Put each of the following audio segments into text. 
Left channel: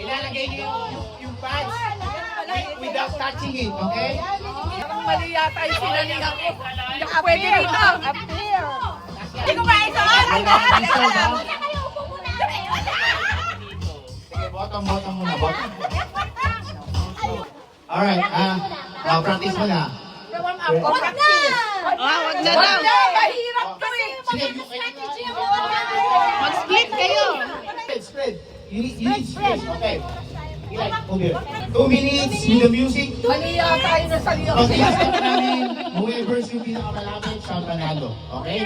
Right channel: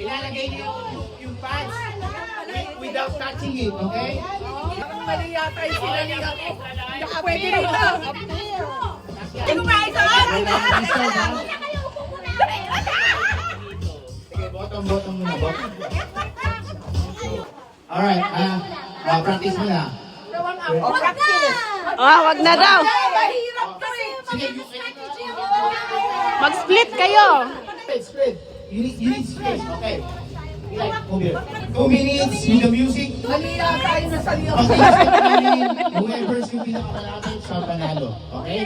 Ilalagay niyo yung pads without touching it, okay? Mali yata yung sinaling ako. Hindi ka pwede rito. Hindi ko maisa. Sige, bottom muna, bottom. Alright, practice mo na. Wag na daw. Mahirap kasi. Sige, Mag-split kayo. Split. You need space, okay. Okay. 2 minutes with the music. Mali yata yung nasa liyo. Pag i-step namin, whoever's yung pinakamalapit sa panalo. Okay?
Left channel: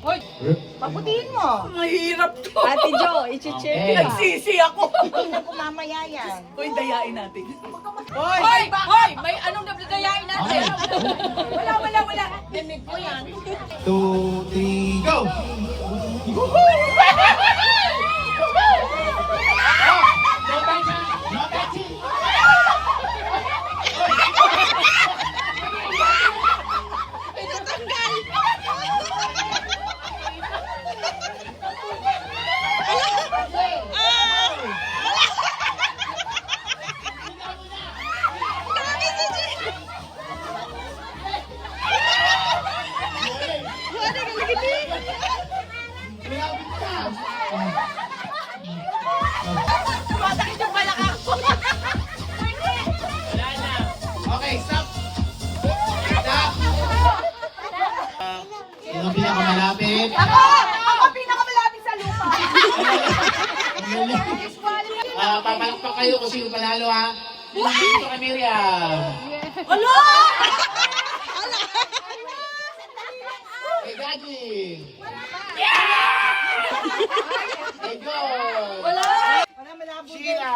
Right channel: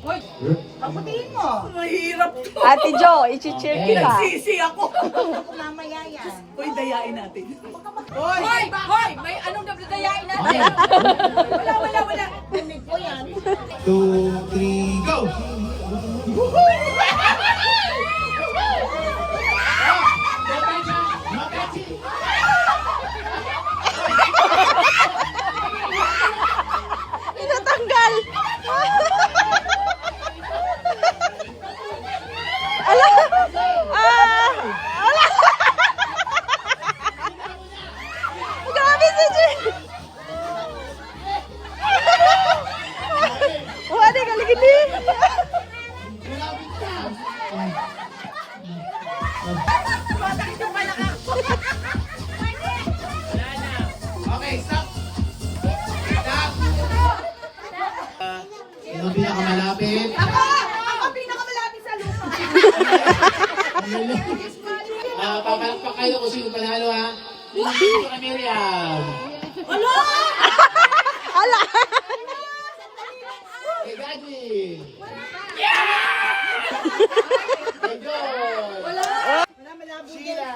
Hoy, pagputiin mo. Mahirap to. Ate Jo, i-cheer Okay. kita. Nagsisi ako. Mamaya yan. Uy, dayain natin. Hoy! Hoy! May anong dayain natin? Wala. Dinig ko yan. 2, 3, go! No touching! Pinatanggal. Grabe si Jay. Wala ka lagi ni. Malapit ka! Masakit yung palaka. Okay, stop! Stop! Sino pinakamalapit? Ako pinakamalapit sa lupa. Papalakpak kayo kung sino panalo, ha? Dito ka, Miriam. Wala! Hey, Gaji. Hey, John. Wala! Sheila.